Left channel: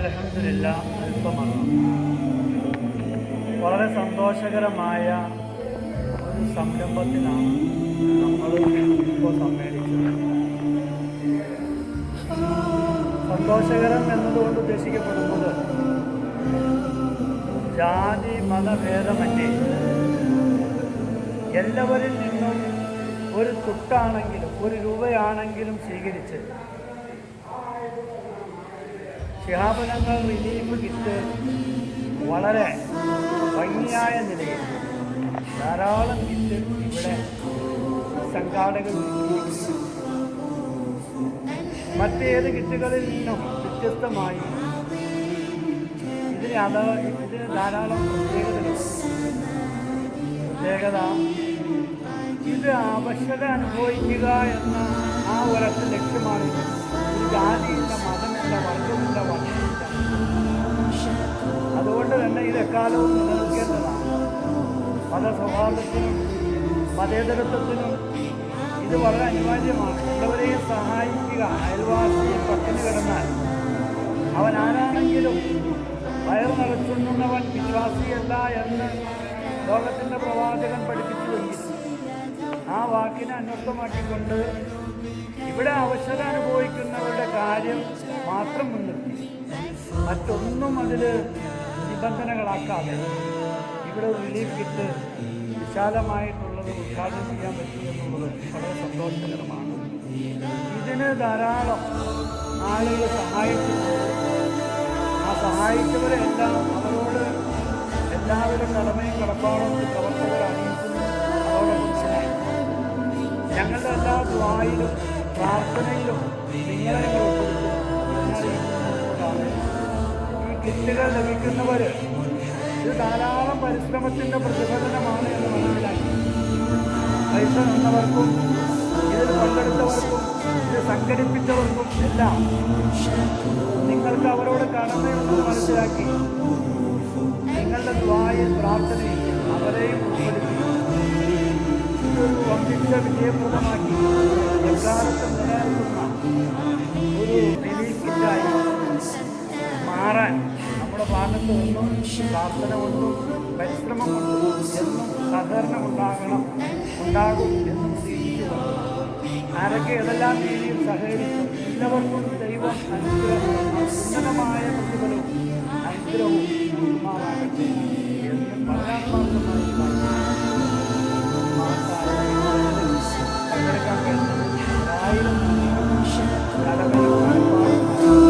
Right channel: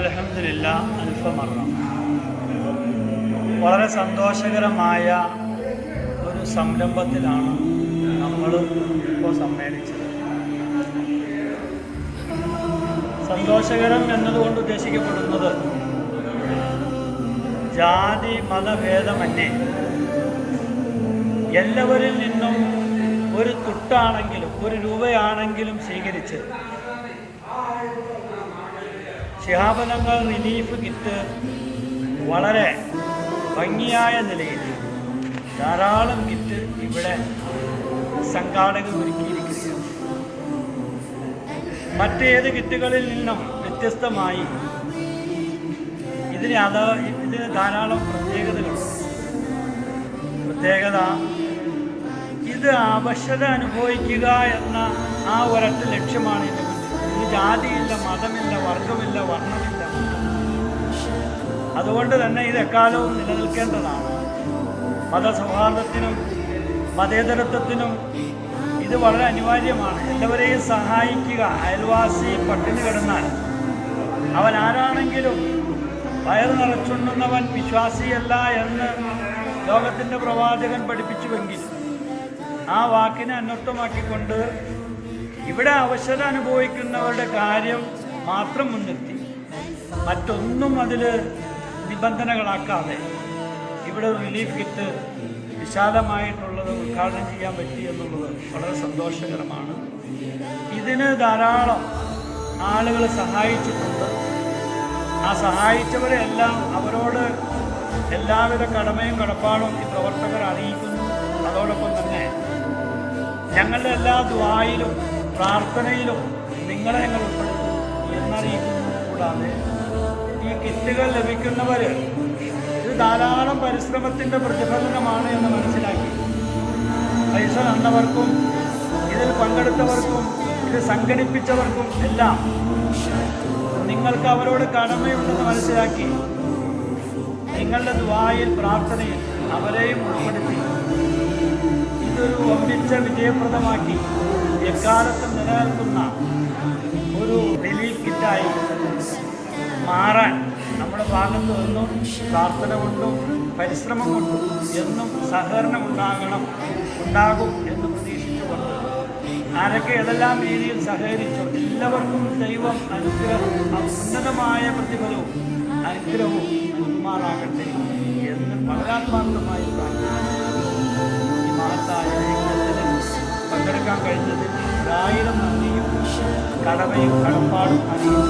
അലഹമില്ല അൽഫമറ വളരെ സന്തോഷകരമായ ഒരു സംരംഭത്തിലാണ് നമ്മൾ ഇപ്പോൾ സമ്മേളിച്ചത്. സന്തോഷകരം എന്നതുകൊണ്ട് ഉദ്ദേശിക്കപ്പെടുന്നത് ജാതി മതഭേദമന്യേ എല്ലാവരിൽ നിന്നും ഒരു തുട്ടാണെങ്കിലും ഒരു രൂപയാണെങ്കിലും സ്വീകരിച്ച് ശിഹാബലങ്ങൾ റിലീഫ് കിറ്റ് വളരെ ഭംഗിയായ നിലയിൽ ധാരാളം കിറ്റ് ഇവിടെ സംഘാടകർ ഒരുക്കിയിരിക്കുകയാണ് മറ്റേത് കിറ്റുകളിൽ നിന്നും വ്യത്യസ്തമായി ഇതിന് അത് ഇതിന് ധാരാളം പ്രത്യേകതകളുണ്ട്. പ്രത്യേകത ഇത് അവശത അനുഭവിക്കുക എന്ന ആ ഒരൊറ്റ ലക്ഷ്യമാണ് ഇത്. ജാതിയില്ല മതമില്ല വർഗമില്ല വർണമില്ല. അതുകൊണ്ട് തന്നെ ഇത് എക്കാലവും നിലനിൽക്കേണ്ടതാണ്. മതസൗഹാർദ്ദത്തിനും മതേതരത്വത്തിനും ഇത് വളരെ അനിവാര്യമാണ്. എല്ലാവരെയും സഹായിക്കുക. അയൽവാസി പട്ടിണി കിടന്നാൽ അവൻ ആരാണെങ്കിലും വയറ് നിറച്ചുണ്ണുന്നവൻ വിശ്വാസിയല്ല എന്ന് ലോകത്തിന്റെ പ്രവാചകൻ പഠിപ്പിച്ചുവെങ്കിൽ ആ വാക്കിനെ അന്വർത്ഥമാക്കിക്കൊണ്ട് ഇവിടെ അവശത അനുഭവിക്കുന്നവരുടെ കാര്യം മാത്രം മുൻനിർത്തി. മറ്റൊന്നും അതിൽ നിബന്ധനകളാക്കാതെ ഇവിടെ റിലീഫ് കിറ്റ് വിശാലമായിട്ടുള്ളത് ഉദ്ഘാടനം ചെയ്യാൻ പറ്റി എന്നുള്ളത് വളരെ സന്തോഷകരമാണ്. ഇതിന് ധാരാളം ആളുകൾ സഹായിച്ചിട്ടുണ്ട്. ആ സഹായിച്ചവരെ എല്ലാം അവരോട് എല്ലാവിധ കടമയും കടപ്പാടും ഈ പ്രവർത്തകർ അറിയിക്കുന്നു. അതോടൊപ്പം തന്നെ ഞങ്ങളുടെ എല്ലാ ദ്വായിലും പ്രാർത്ഥനയിലും നിങ്ങളെ ഞങ്ങൾ ഉൾപ്പെടുത്തും ഈ കിറ്റുകൾ ലഭിക്കുന്നവർ ഇത് ധാരാളം പരിശ്രമത്തിന്റെ പ്രതിഫലനമാണ് എന്ന് മനസ്സിലാക്കി. പൈസ തന്നവർക്കും ഇതിൽ പങ്കെടുത്തവർക്കും ഇത് സംഘടിപ്പിച്ചവർക്കും എല്ലാം നിങ്ങൾക്ക് അവരോട് കടമയുണ്ടെന്ന് മനസ്സിലാക്കി നിങ്ങളുടെ ദ്വായിൽ പ്രാർത്ഥനയിൽ അവരെയും ഉൾപ്പെടുത്തി. ഇതൊരു ഒന്നിച്ച വിജയപ്രദമാക്കി. എക്കാലത്തും നിലനിൽക്കുന്ന ഒരു റിലീഫ് കിറ്റായി മാറാൻ നമ്മുടെ ഭാഗത്ത് നിന്നും പ്രാർത്ഥന കൊണ്ടും പരിശ്രമം കൊണ്ടും എന്നും സഹകരണം ഉണ്ടാകണം ഉണ്ടാകും എന്ന് പ്രതീക്ഷിച്ചുകൊണ്ട് ആരൊക്കെ ഏതെല്ലാം രീതിയിൽ സഹകരിച്ചു എല്ലാവർക്കും ദൈവം അനുഗ്രഹവും ഉന്നതമായ പ്രതിഫലവും അനുഗ്രഹവും നൽകുമാറാകട്ടെ എന്ന് വളരാത്മാർത്ഥമായി പ്രാർത്ഥിക്കുന്നു. പങ്കെടുക്കാൻ കഴിഞ്ഞതിൽ ഒരായിരം നന്ദിയും. കടമയും കടപ്പാടും